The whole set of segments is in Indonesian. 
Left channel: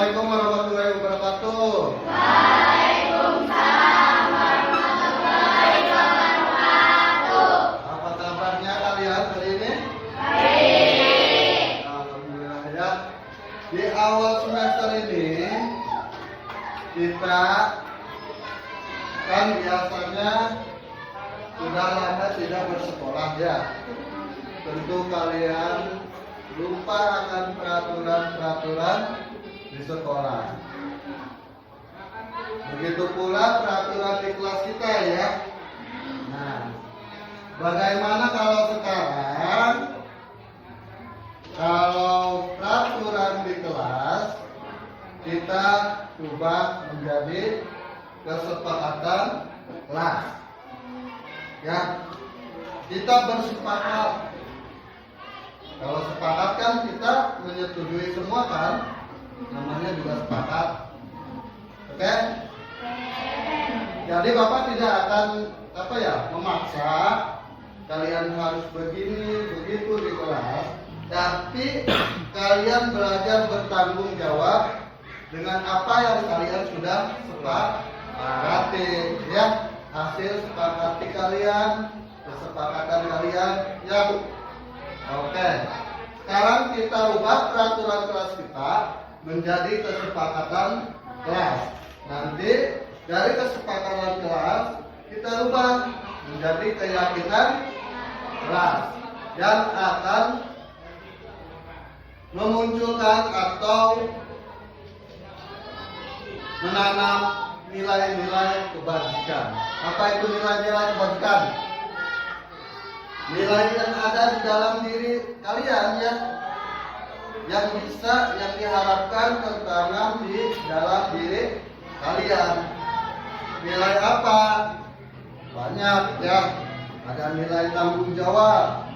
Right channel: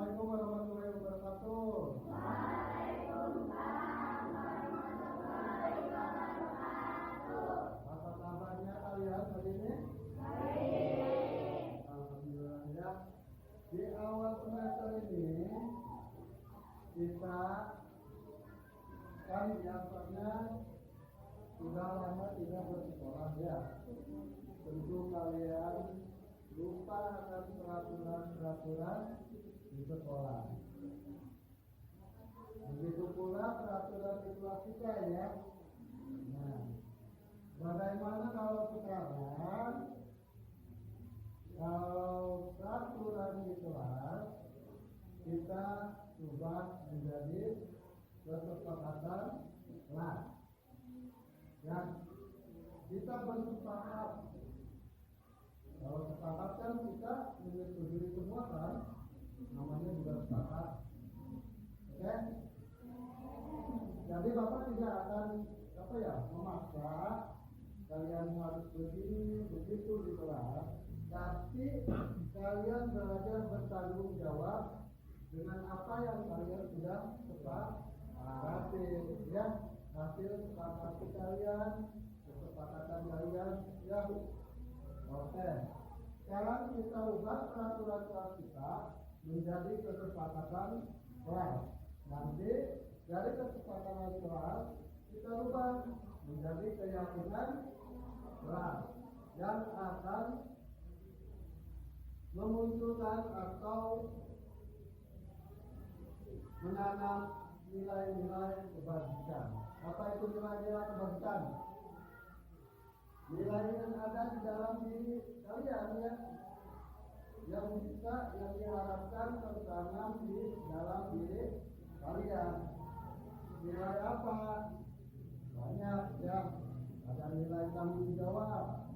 Assalamualaikum warahmatullahi wabarakatuh. Waalaikumsalam warahmatullahi wabarakatuh. Apa kabarnya kalian hari ini? Baik. Alhamdulillah ya. Di awal semester ini kita kan biasanya sudah lama tidak bersekolah ya. Tentu kalian lupa akan peraturan-peraturan di sekolah. Begitu pula peraturan di kelas kita ya. Nah, bagaimana kalau sekarang peraturan di kelas kita ubah menjadi kesepakatan kelas. Ya, kita bersepakat. Kalau sepakat kan kita menyetujui semua kan, namanya juga sepakat. Oke? Jadi Bapak tidak akan memaksa kalian harus begini begitu di kelas, tapi kalian belajar bertanggung jawab dengan apa yang kalian sudah sepakati ya. Hasil sepakati kalian, kesepakatan kalian ya Bu. Oke, sekarang kita ubah peraturan kelas kita menjadi kesepakatan kelas. Nanti dari kesepakatan kelas kita ubah menjadi keyakinan kelas yang akan memunculkan atau menanam nilai-nilai kebajikan. Apa itu nilai-nilai kebajikan? Nilai yang ada di dalam diri kalian ya, yang diharapkan tertanam di dalam diri kalian. Nilai apa? Banyak ya. Ada nilai tanggung jawab.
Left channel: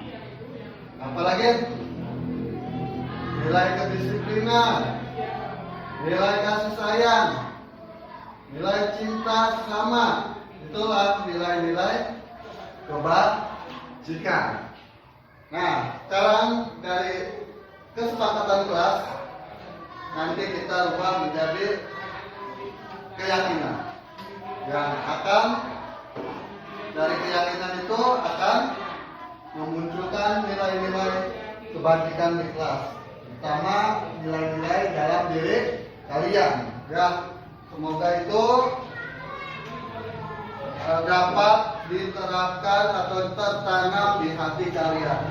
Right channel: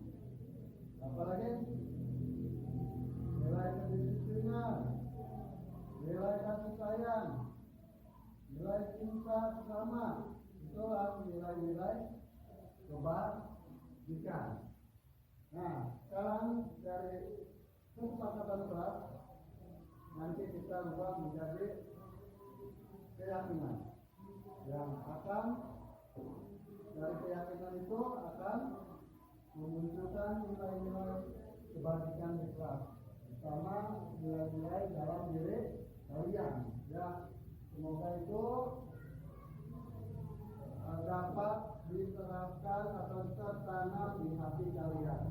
Apalagi? Nilai kedisiplinan, nilai kasih sayang, nilai cinta sesama. Itulah nilai-nilai kebajikan. Nah, sekarang dari kesepakatan kelas nanti kita ubah menjadi keyakinan yang akan dari keyakinan itu akan memunculkan nilai-nilai kebajikan di kelas, terutama nilai-nilai dalam diri kalian ya. Semoga itu dapat diterapkan atau tertanam di hati kalian.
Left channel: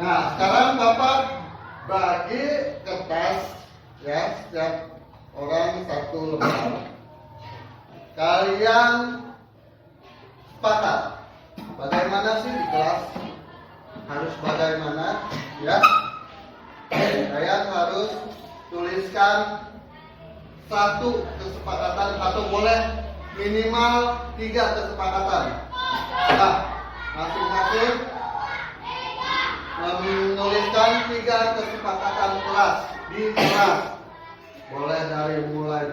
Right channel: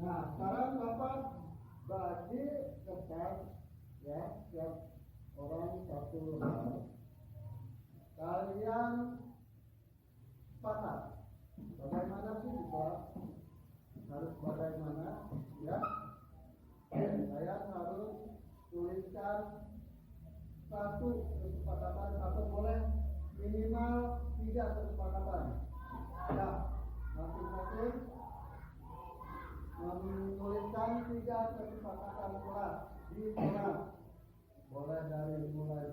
Nah, sekarang Bapak bagi kertas ya, setiap orang satu lembar. Kalian sepakat bagaimana sih di kelas harus bagaimana ya? Kalian harus tuliskan satu kesepakatan atau boleh minimal 3 kesepakatan. Nah, masing-masing menuliskan 3 kesepakatan kelas di kelas. Boleh dari mulai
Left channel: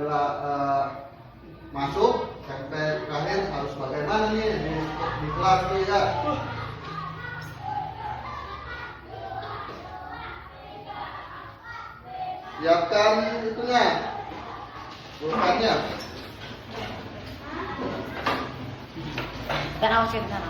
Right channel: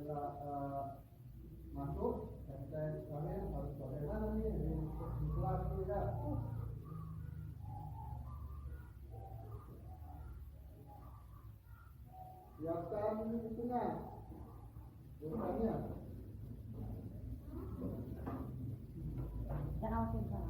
masuk sampai terakhir harus bagaimana nih di kelas tuh ya. Siapkan itunya, pulpennya. Dan awas ya benar.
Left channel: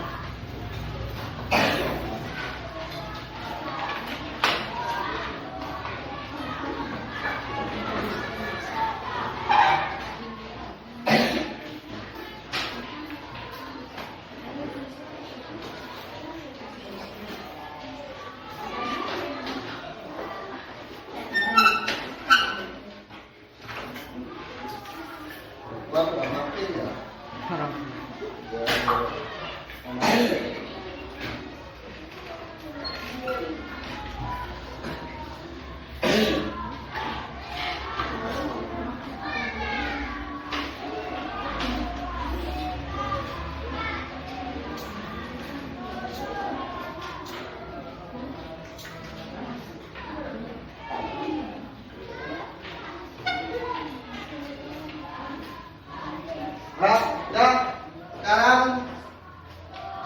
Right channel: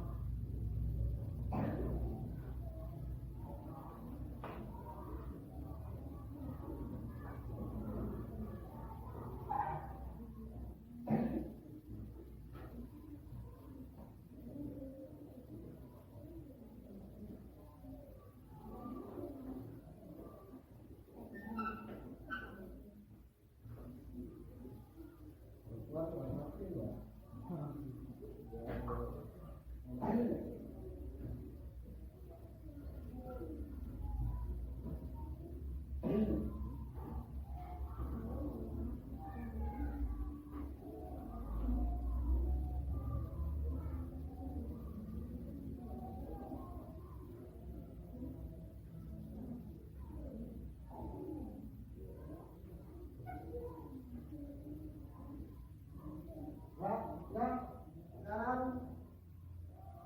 Nah, ya, sekarang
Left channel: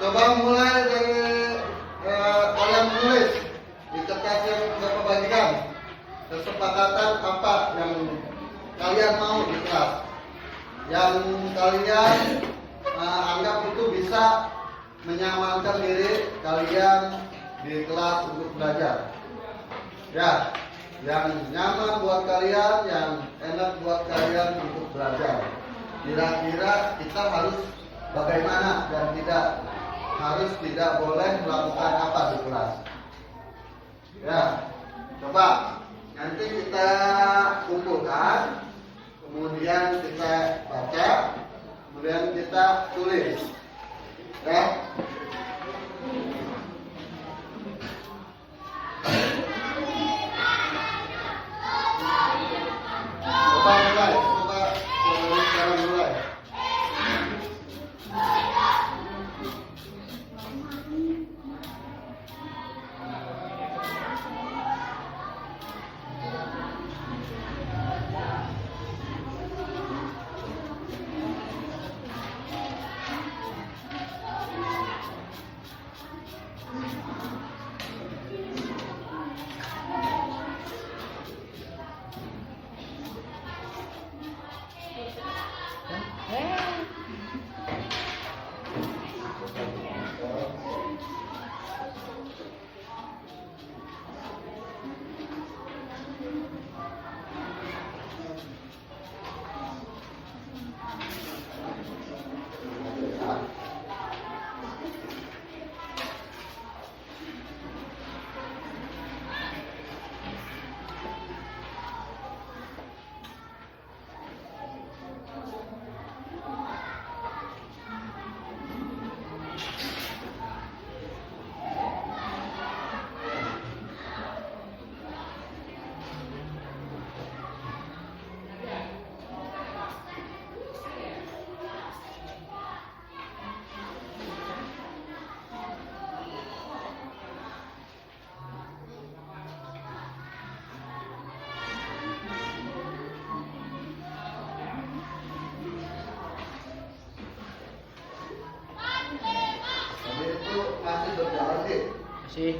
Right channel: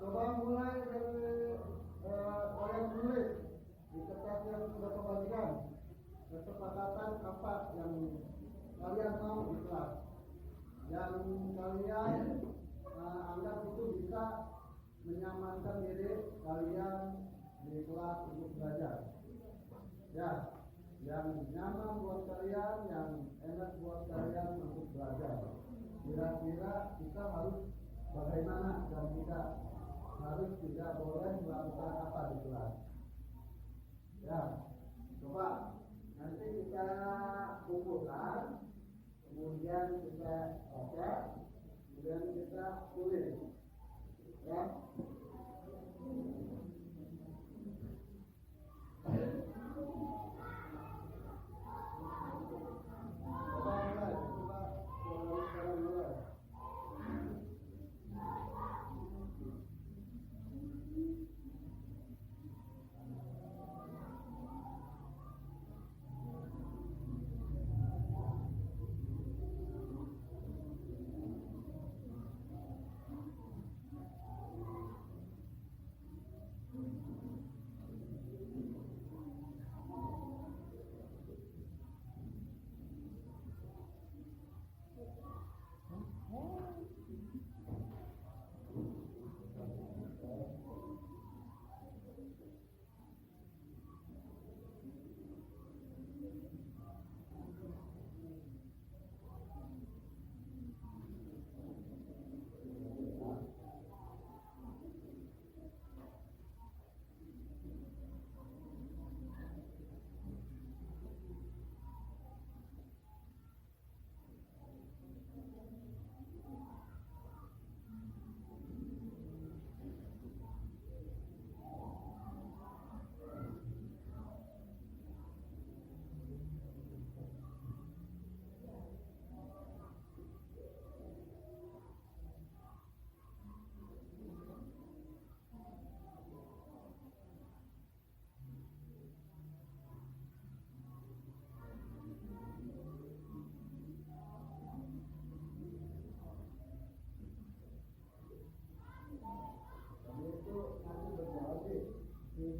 coba kalian mau di kelas, yang kalian anggap itu bisa menyamankan diri kalian di kelas untuk belajar. Ya, yang nyaman buat kalian, yang enak buat kalian untuk belajar. Kira-kira kita harus bagaimana dan tidak boleh melakukan apa di kelas. Ya, coba nanti kita kumpulkan, kemudian kita baca, kemudian kita tulis. Ya. Coba mulai, sekarang mulai. Tadi itu masih berjalan sih. Masih.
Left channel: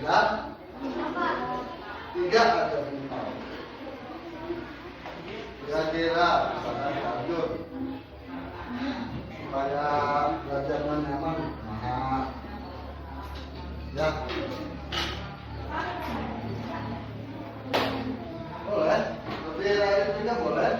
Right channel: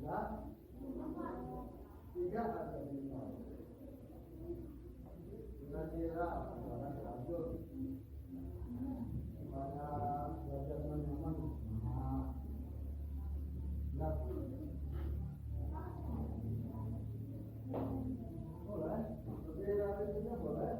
Dan tiga ada bintang. Kira-kira misalkan lanjut supaya belajarnya nyaman. Nah, ya. Boleh, lebih lain juga boleh.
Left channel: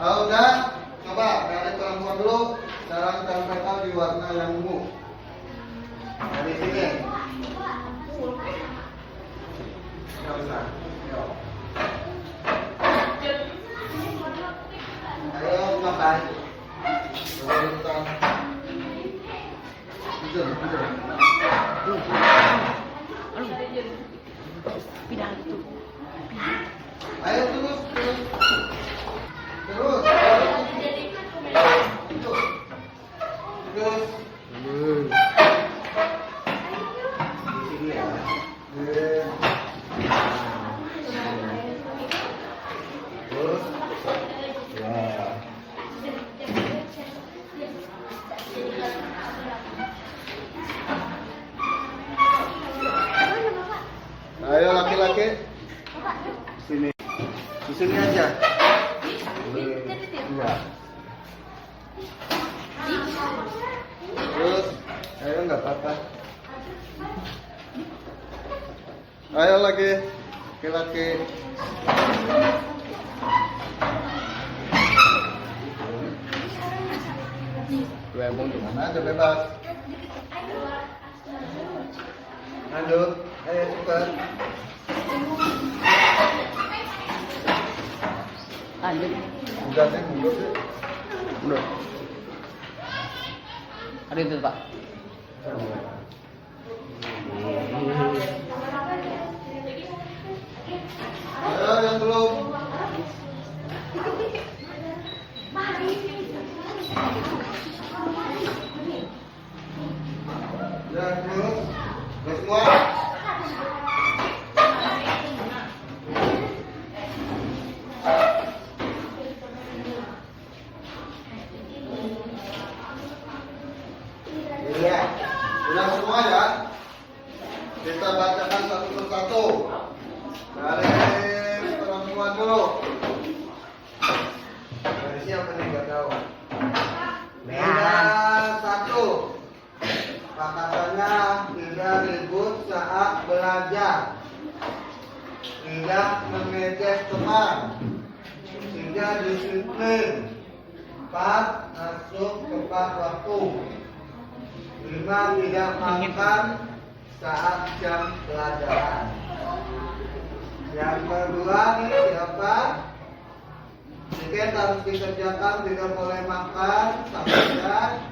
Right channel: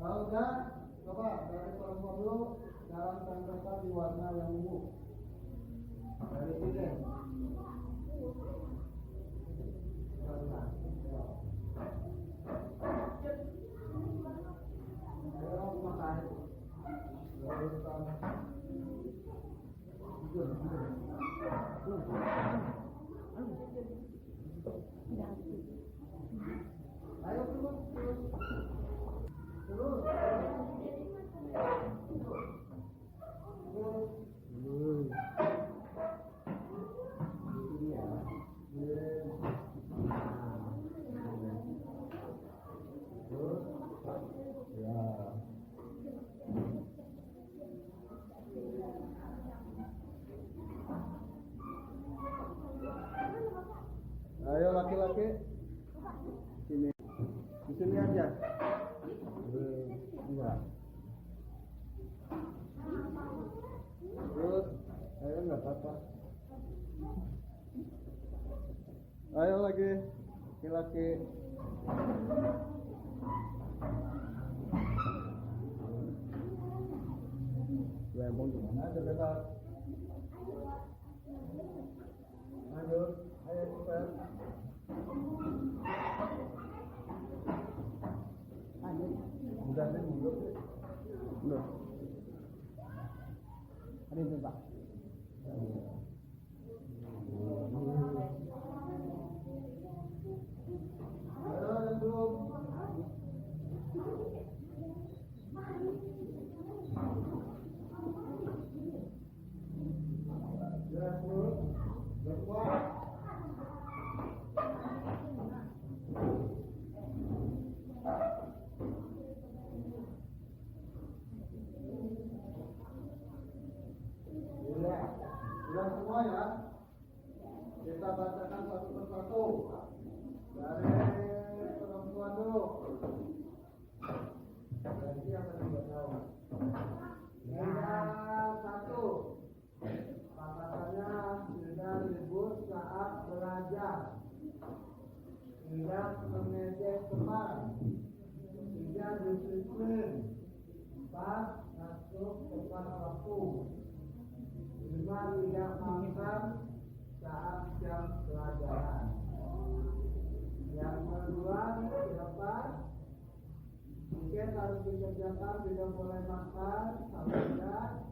Udah, coba dari perempuan dulu. Sekarang tempelkan di warna yang ungu. Dari sini. Nggak usah. Ayo makan. Tidur. Pindah itu. Ayo terus. Terus. Di sini ya. Terus. Ya. Ayo laki-laki. Sini. Di sini aja. Enggak. Terus, ayo nggak apa-apa. Ayo lagi, laki-laki. Bebong di mana aja bebas. Lanjut, ayo cepat. Lanjut. Udah sih, mundur sih. Mundur. Ada itu Pak. Ayo yang belum. Ya terus, udah semua. Iya, udah semua ya. Kita bacakan satu persatu. Dari perempuan dulu. Dari siapa nih nggak tahu? Beda satu. Kata-katanya tidak ribut saat belajar. Tidak mengejek teman. Tidak disiplin. 4. Masuk tepat waktu. 5. Tidak makan saat jam pelajaran. Yang kedua nih siapa? Tiket harus dikerjakan, tidak boleh makan, sampaikan,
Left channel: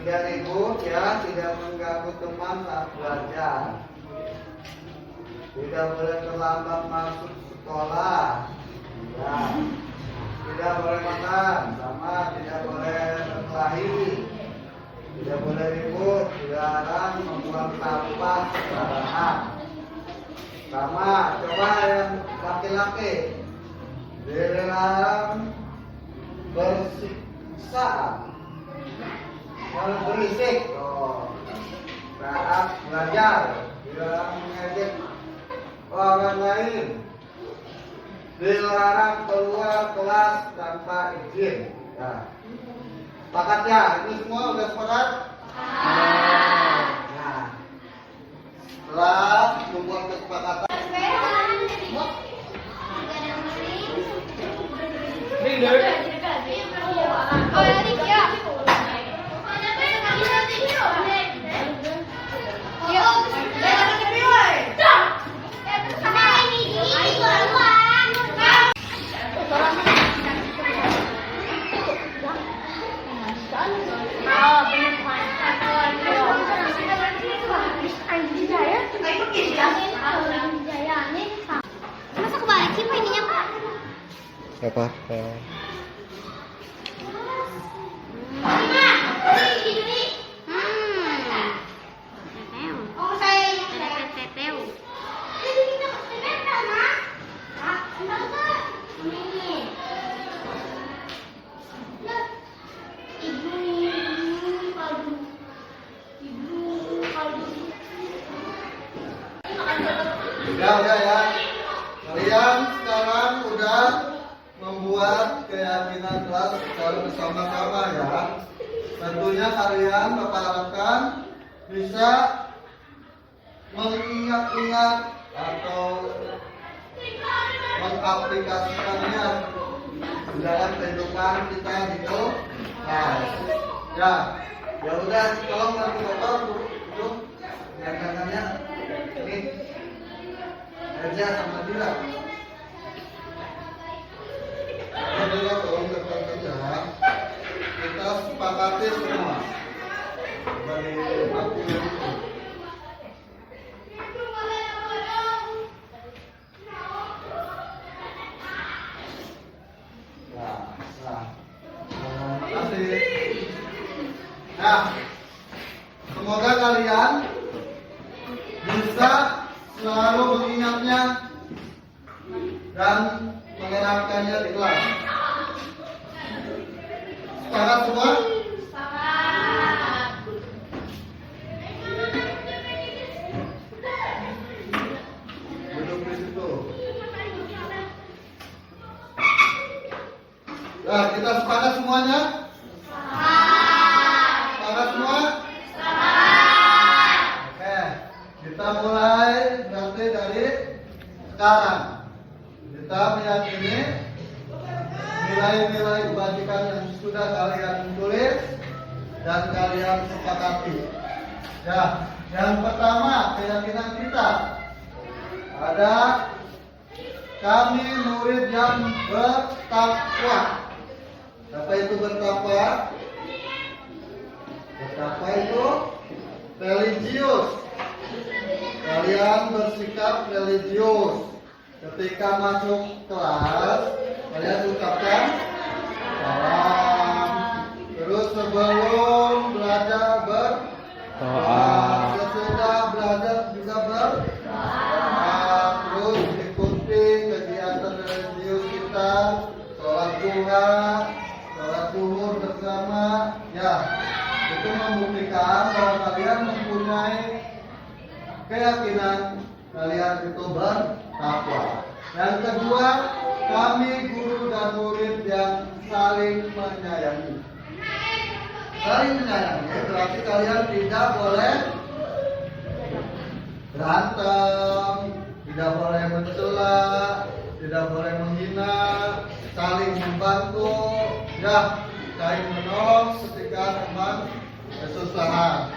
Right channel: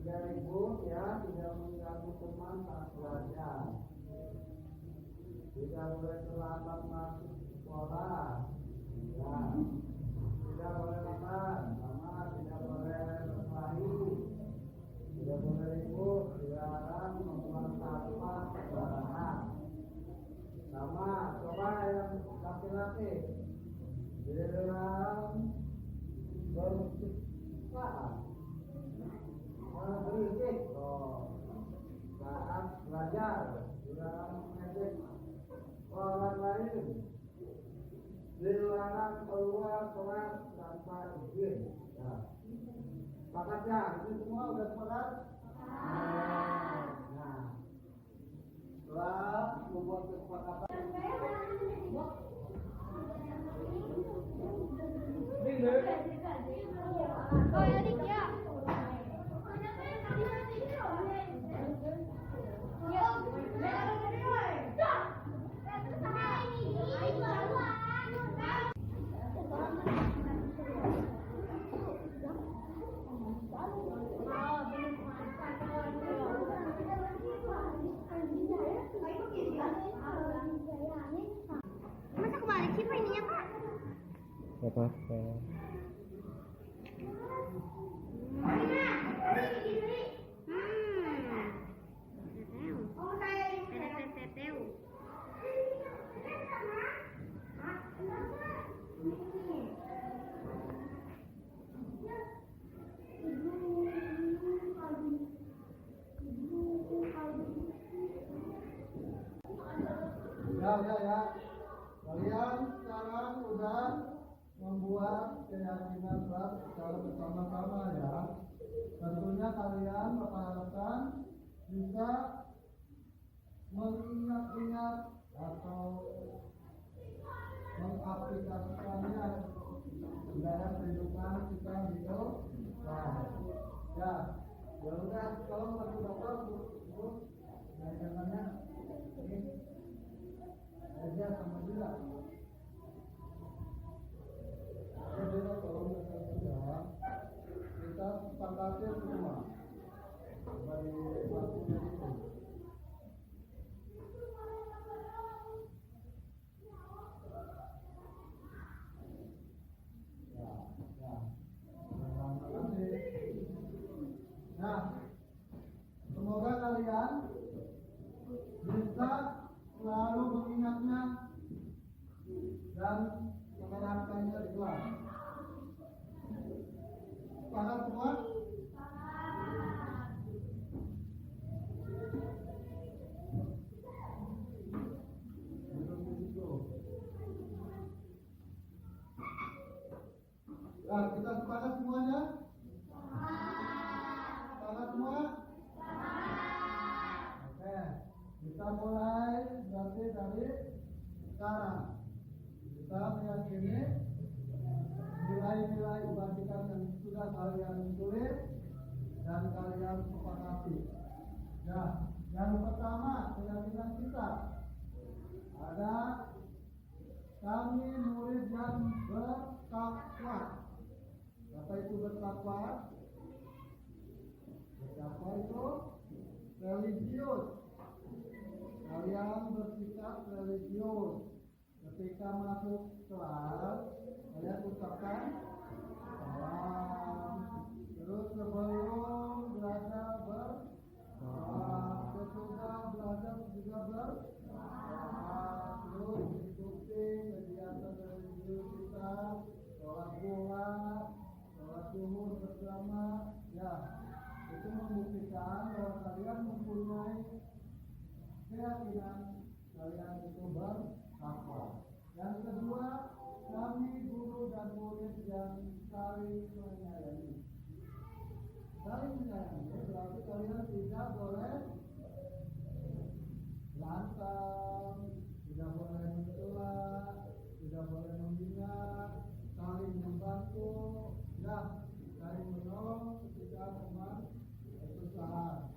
tidak ribut ya, tidak mengganggu teman saat belajar. Tidak boleh terlambat masuk sekolah. Ya. Tidak boleh makan, sama tidak boleh berkelahi. Tidak boleh ribut, dilarang membuang sampah sembarangan. Sama, coba yang laki-laki dilarang bersiksa, kalau berisik, saat belajar, dilarang mengejek orang lain, dilarang keluar kelas tanpa izin. Nah, sepakat ya? Ini semua udah sepakat? Nah, setelah membuat kesepakatan. Masa kebalik sih ininya Pak? Apa? Oh saya teteu. Jadi kita teteu Mas. Ini. Ibu kaldu. Udah ya. Kalian sekarang udah membuat keyakinan kelas secara bersama-sama ya. Tentunya kalian Bapak harapkan bisa mengingat-ingat atau mengaplikasikannya dalam kehidupan kita gitu. Nah, ya, ya udah, tolong bantu bapak itu tangannya ini aja sama dia. Jadi tolong dekat aja. Kita sepakati semua sebagai aku itu. Nah, semoga kalian bisa selalu mengingatnya dan menerapkannya di kelas. Sepakat semua? Duduk di situ. Nah, kita sepakat semuanya? Sepakat semua? Oke, kita mulai berarti dari sekarang. Kita meyakini nilai-nilai kebajikan yang sudah kalian tulis dan kalian sepakati. Ya, yang pertama keyakinan kita ada kami murid yang bertakwa. Apa itu bertakwa? Bertakwa itu religius. Kalian bersikap religius. Ketika masuk kelas, kalian ucapkan salam. Terus sebelum belajar berdoa, sesudah belajar juga berdoa. Terus ikuti kegiatan religius kita, sholat duha, sholat zuhur bersama. Ya, itu membuktikan bahwa kalian mempunyai keyakinan kalian itu bertakwa. Yang kedua, kami guru dan murid yang saling menyayangi. Saling menyayangi berarti kalian tidak boleh berantem, tidak boleh mencela, tidak boleh menghina, saling membantu, ya, saling menolong ketika teman kesusahan.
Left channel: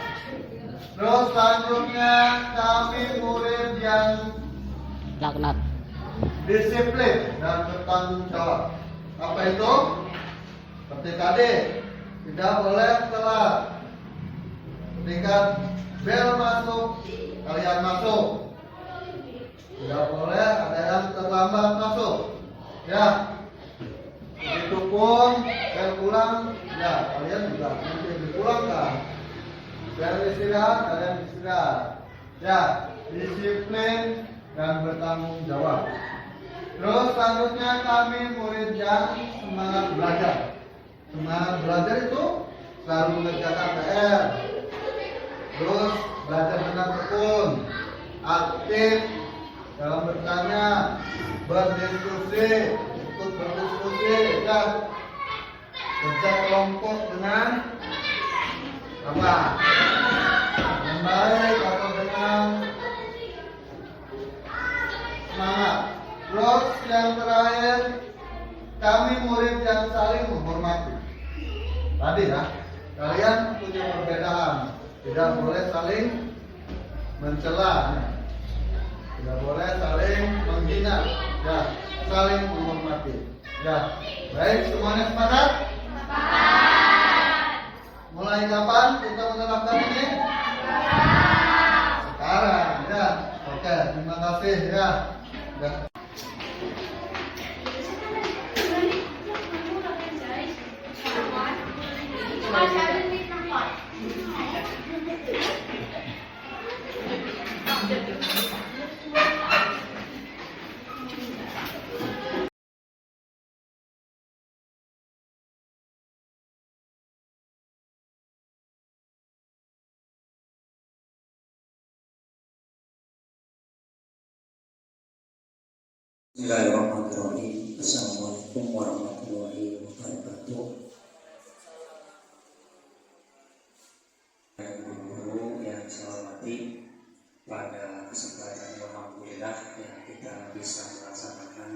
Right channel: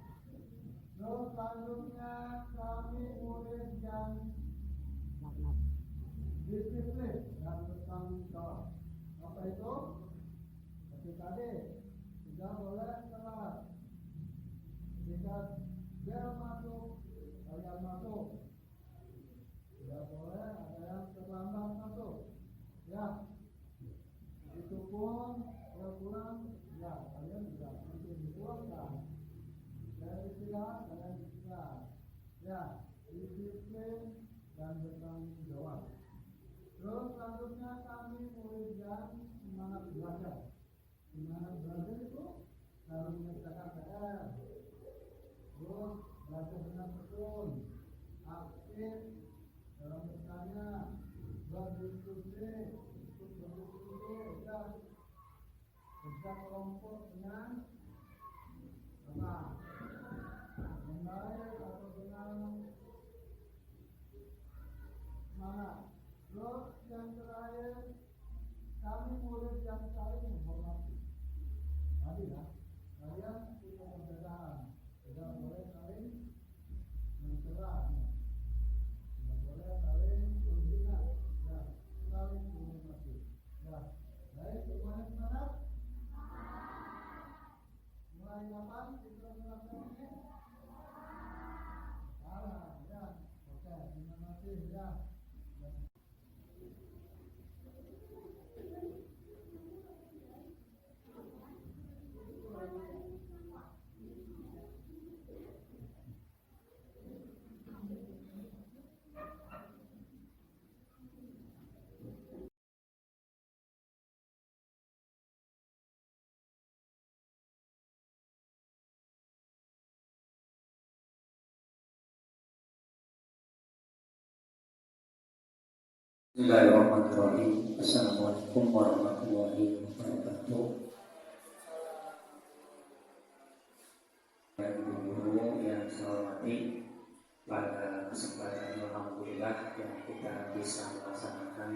Terus selanjutnya kami murid yang Laknat. disiplin dan bertanggung jawab. Apa itu? Seperti tadi, tidak boleh telat. Ketika bel masuk, kalian masuk. Tidak boleh ada yang terlambat masuk. Ya. Begitupun bel pulang, ya kalian juga nanti dipulangkan. Bel istirahat, kalian istirahat. Ya, disiplin dan bertanggung jawab. Terus selanjutnya kami murid yang semangat belajar. Semangat belajar itu selalu mengerjakan PR. Terus belajar dengan tekun, aktif dalam bertanya, berdiskusi, ikut berdiskusi, ya. Kerja kelompok dengan apa? Dengan baik atau dengan semangat. Terus yang terakhir, kami murid yang saling menghormati. Tadi ya, kalian punya perbedaan, tidak boleh saling mencela, tidak boleh saling menghina, ya, saling menghormati. Ya, baik, semuanya sepakat? Mulai kapan kita menerapkan ini? Sekarang, ya. Oke, terima kasih ya. Bismillahirrahmanirrahim. Assalamualaikum warahmatullahi wabarakatuh. Guru yang saya hormati, pada kesempatan alhamdulillah yang kita bisa melaksanakan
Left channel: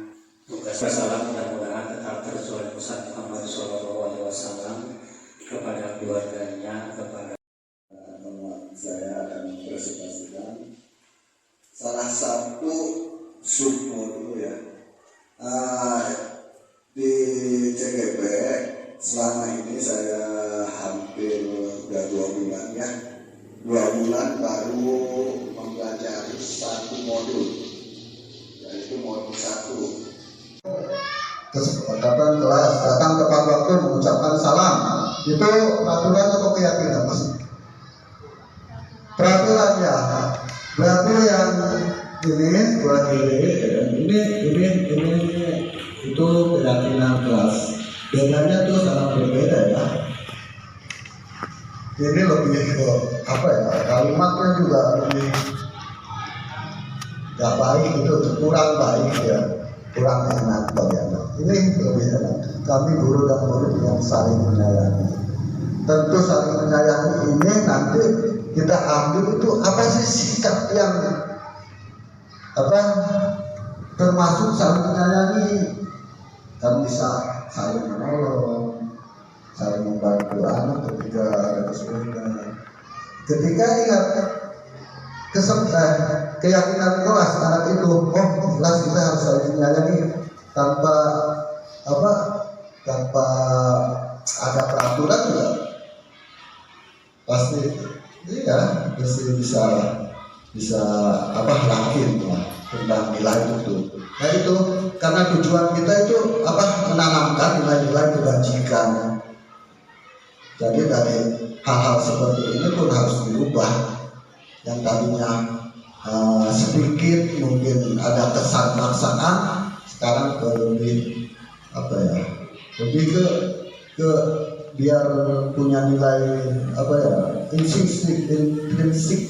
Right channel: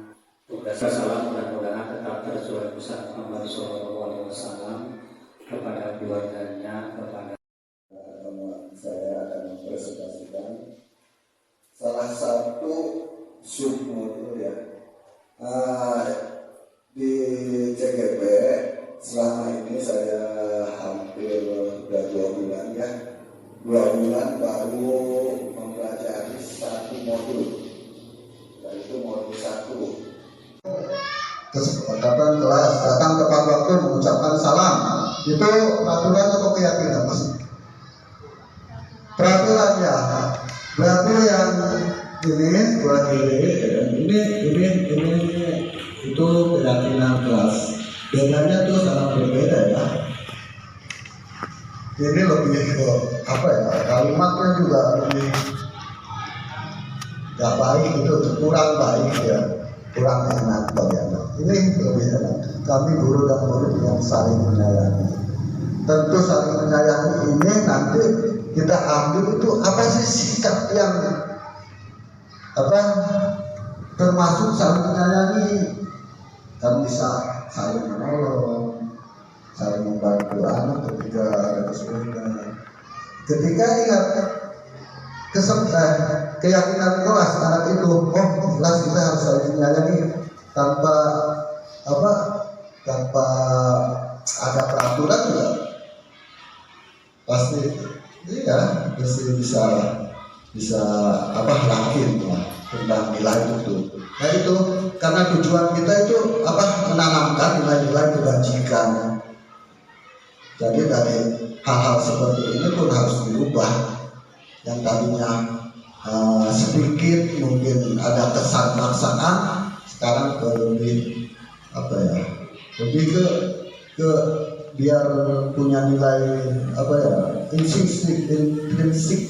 tugas. Salam mudah-mudahan tetap Rasulullah Muhammad SAW, kepada keluarganya, kepada saya akan presentasikan salah satu sumur dulu ya. Di CGP selama ini saya hampir udah 2 bulan ya. 2 bulan baru mempelajari satu modul, yaitu modul 1. Kesepakatan kelas datang tepat waktu mengucapkan salam, itu peraturan atau keyakinan mas? Peraturan ya. Berarti yang ini buat ini itu keyakinan kelas. Bedanya tuh sangat berbeda ya. Ini lebih ke apa ya? Kalimatnya juga lebih gak baik, itu kurang baik ya. Kurang enak bagi anak. Ini lebih enak. Kami guru dan murid yang saling menyayangi. Tentu saling menyayangi ini nanti kita ambil itu apa sih sikap yang apa termasuk saling menyayangi, kan bisa saling menolong, saling membantu anak ketika ada kesulitan. Ketika ingat keyakinan kelas anak itu, oh kelas kita harus saling menyayangi tanpa apa, tanpa ada peraturan juga pasti iya bisa apa yakin lah tentang nilai itu. Nah itu karena tujuan kita itu apa, menanamkan nilai-nilai kebajikan. Jadi dari hal-hal seperti ini pun harus dirubah. Yang tadinya sedikit mungkin ada kesan paksaan, sekarang ke lebih apa ya, lebih ke biar punya nilai apa ya, intrinsik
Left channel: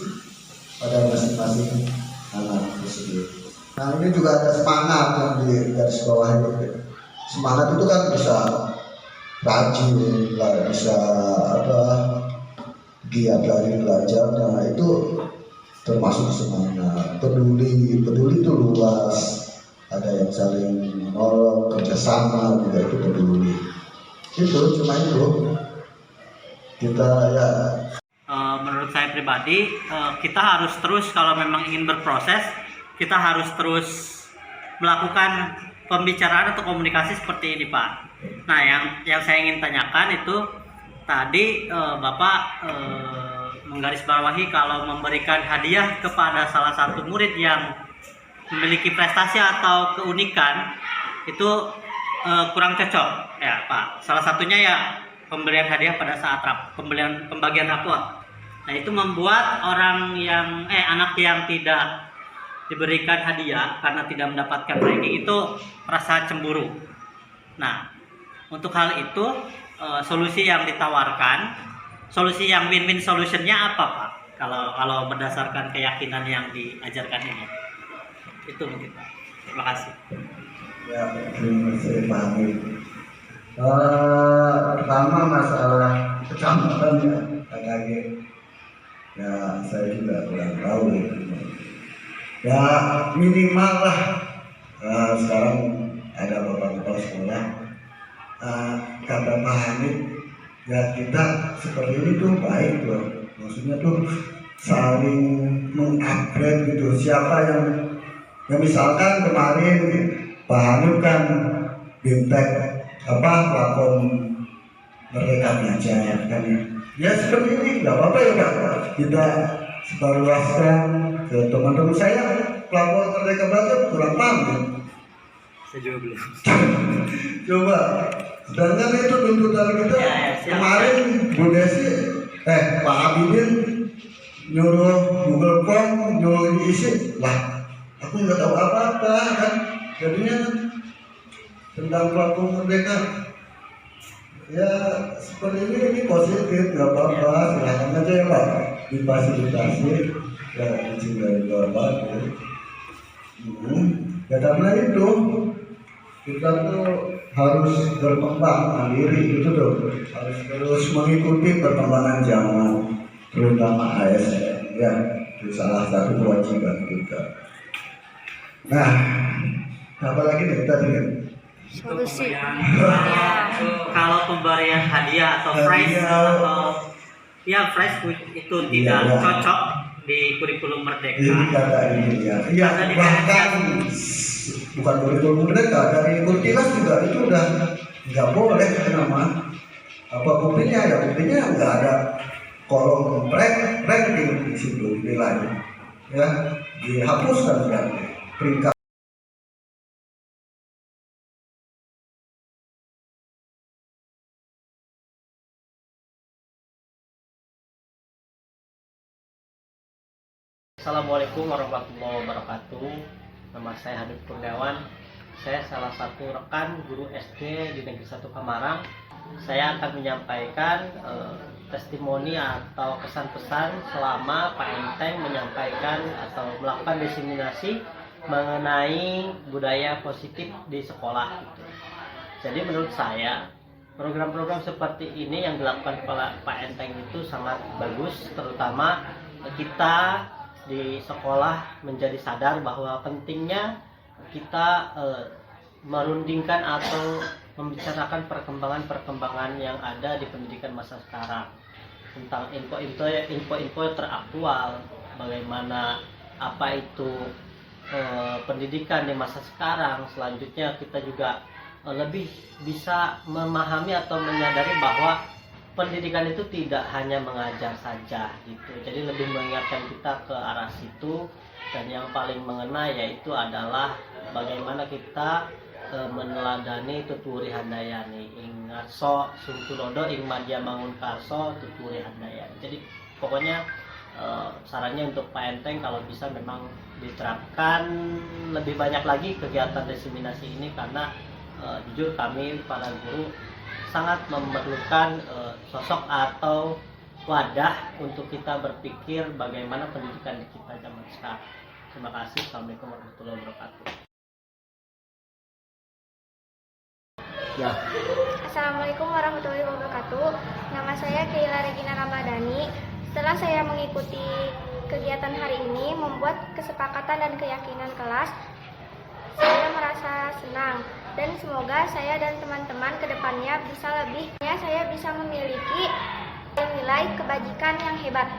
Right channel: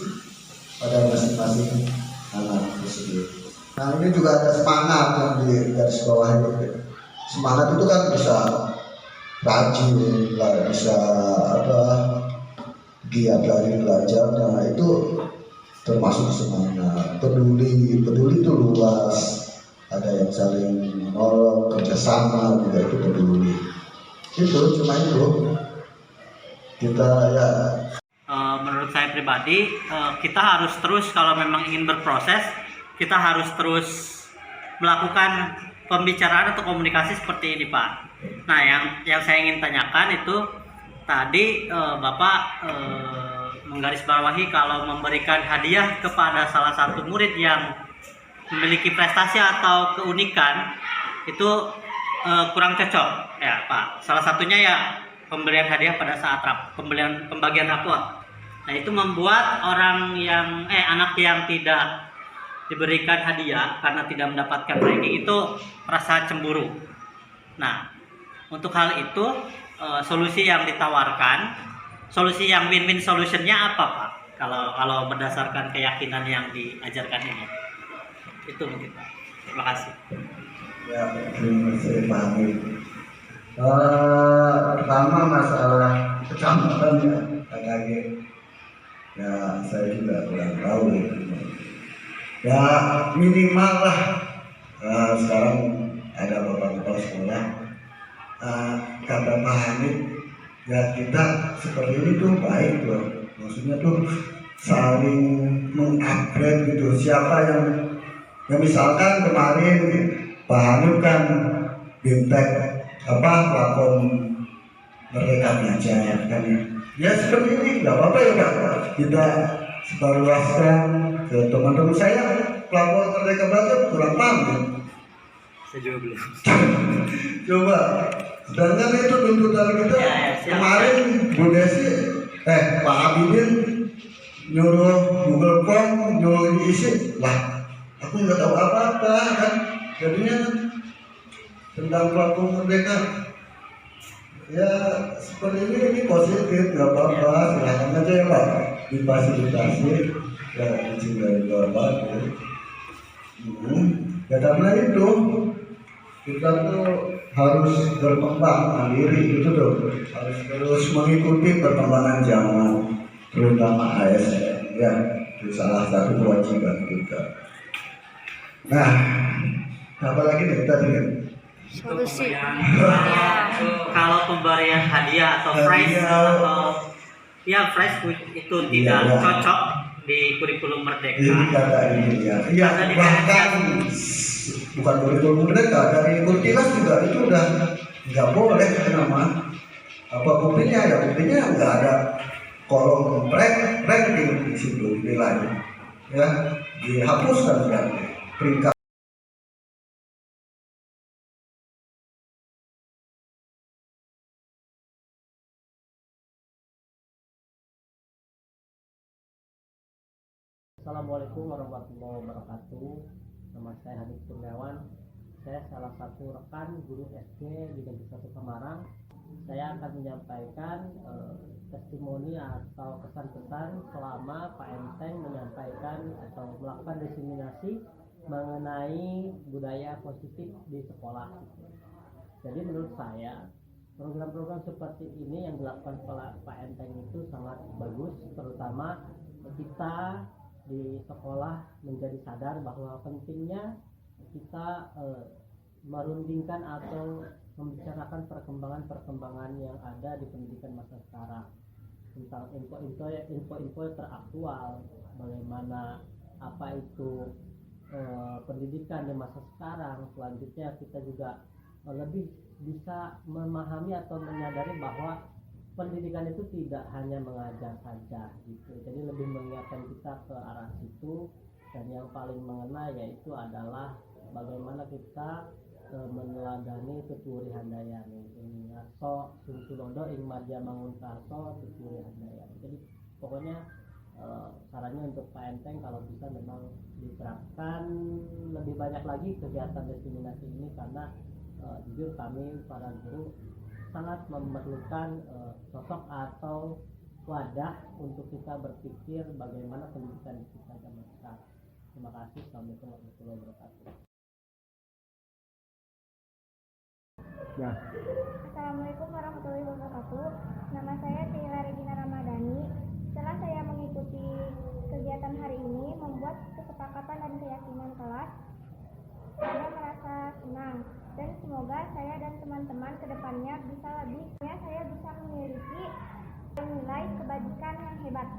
pada masing-masing anak tersebut. Nah ini juga ada semangat yang di garis bawah ini. Semangat itu kan bisa rajin lah, bisa apa, giat dari belajar. Nah itu termasuk semangat. Peduli itu luas. Ada yang saling menolong, kerjasama juga itu peduli. Itu cuma itu kita ya. Menurut saya pribadi, kita harus terus, kalau memang ingin berproses, kita harus terus melakukan pembicaraan atau komunikasi seperti ini, Pak. Nah, yang saya ingin tanyakan itu tadi Bapak menggarisbawahi kalau memberikan hadiah kepada salah satu murid yang memiliki prestasi atau keunikan itu kurang cocok, ya Pak. Salah satunya ya pemberian hadiah pada saat pembagian rapot. Nah itu membuat anak yang tidak diberikan hadiah karena tidak mendapatkan ranking itu merasa cemburu. Nah untuk hal itu solusi yang ditawarkan, solusi yang win-win solutionnya apa Pak? Kalau berdasarkan keyakinan yang diajarkan ini, itu mungkin Pak. Terima kasih. Ya, terima kasih Pak Amir. Pertama masalah kecamatan ya, KKG. Ya saya juga kurang tahu ya. Ya minimal lah. Sekarang ada beberapa sekolah. Kata Pak Hamid, ya kita seperti ini tuh baik loh. Maksudnya tuh saling mengupgrade gitu. Siapa yang misalkan kemarin Pak Hamid kan bimtek platform Merdeka Belajar kan ya seperti ini, nggak apa-apa ya Pak, kita sebarluaskan ke teman-teman saya. Platform Merdeka Belajar kurang paham ya? Saya juga belum. Coba, sedangkan itu tuntutan kita kemarin Bu Desi, Pak Abidin nyuruh Google Form, nyuruh diisi lah, aku nggak tahu apa-apa kan, jadinya tentang platform Merdeka. Ya seperti ini positif, nggak apa-apa, silahkan aja ya Pak, difasilitasi ya izin dari Bapak. Ya karena itu kita tuh harus berkembang mandiri gitu tuh, harus terus mengikuti perkembangan zaman, terutama ASN ya, itu salah satu kewajiban kita. Nah, apalagi nih tadi Solusi. Kalau pemberian hadiah atau prize Hadiah. atau ya prize itu Iya, tidak iya. cocok di kurikulum Merdeka. Jadi kata ini ya, ya Kata bahkan bukan kurikulum mereka, dari Kurtilas juga itu udah nggak boleh nama apa buktinya ya, buktinya nggak ada kolom ranking di situ nilainya, ya dihapuskan sudah peringkat. Assalamualaikum warahmatullahi wabarakatuh. Nama saya Habib Kurniawan. Saya salah satu rekan guru SD di Negeri 1 Kamarang. Saya akan menyampaikan testimoni atau kesan-pesan selama Pak Enteng menyampaikan atau melakukan diseminasi mengenai budaya positif di sekolah. Jadi menurut saya program-program seperti ini yang dilakukan oleh Pak Enteng itu sangat bagus, terutama kita di sekolah menjadi sadar bahwa pentingnya kita merundingkan atau membicarakan perkembangan-perkembangan yang ada di pendidikan masa sekarang tentang info-info teraktual, bagaimana apa itu pendidikan di masa sekarang. Selanjutnya kita juga lebih bisa memahami atau menyadari bahwa pendidikan itu tidak hanya mengajar saja gitu. Jadi lebih mengingatkan kita ke arah situ, dan yang paling mengena yaitu adalah bagaimana kita meneladani tuturi handayani. Ingat so sungkulodo ing madya mangun karso tuturi handayani. Jadi pokoknya sarannya untuk Pak Enteng kalau bisa memang diterapkan lebih banyak lagi kegiatan diseminasi ini, karena jujur kami para guru sangat memerlukan sosok atau wadah untuk kita berpikir bagaimana pendidikan kita zaman sekarang. Terima kasih. Assalamualaikum warahmatullahi wabarakatuh. Ya. Assalamualaikum warahmatullahi wabarakatuh. Nama saya Keila Regina Ramadhani. Setelah saya mengikuti kegiatan hari ini membuat kesepakatan dan keyakinan kelas, saya merasa senang dan semoga saya dan teman-teman kedepannya bisa lebih, saya bisa memiliki nilai kebajikan yang hebat.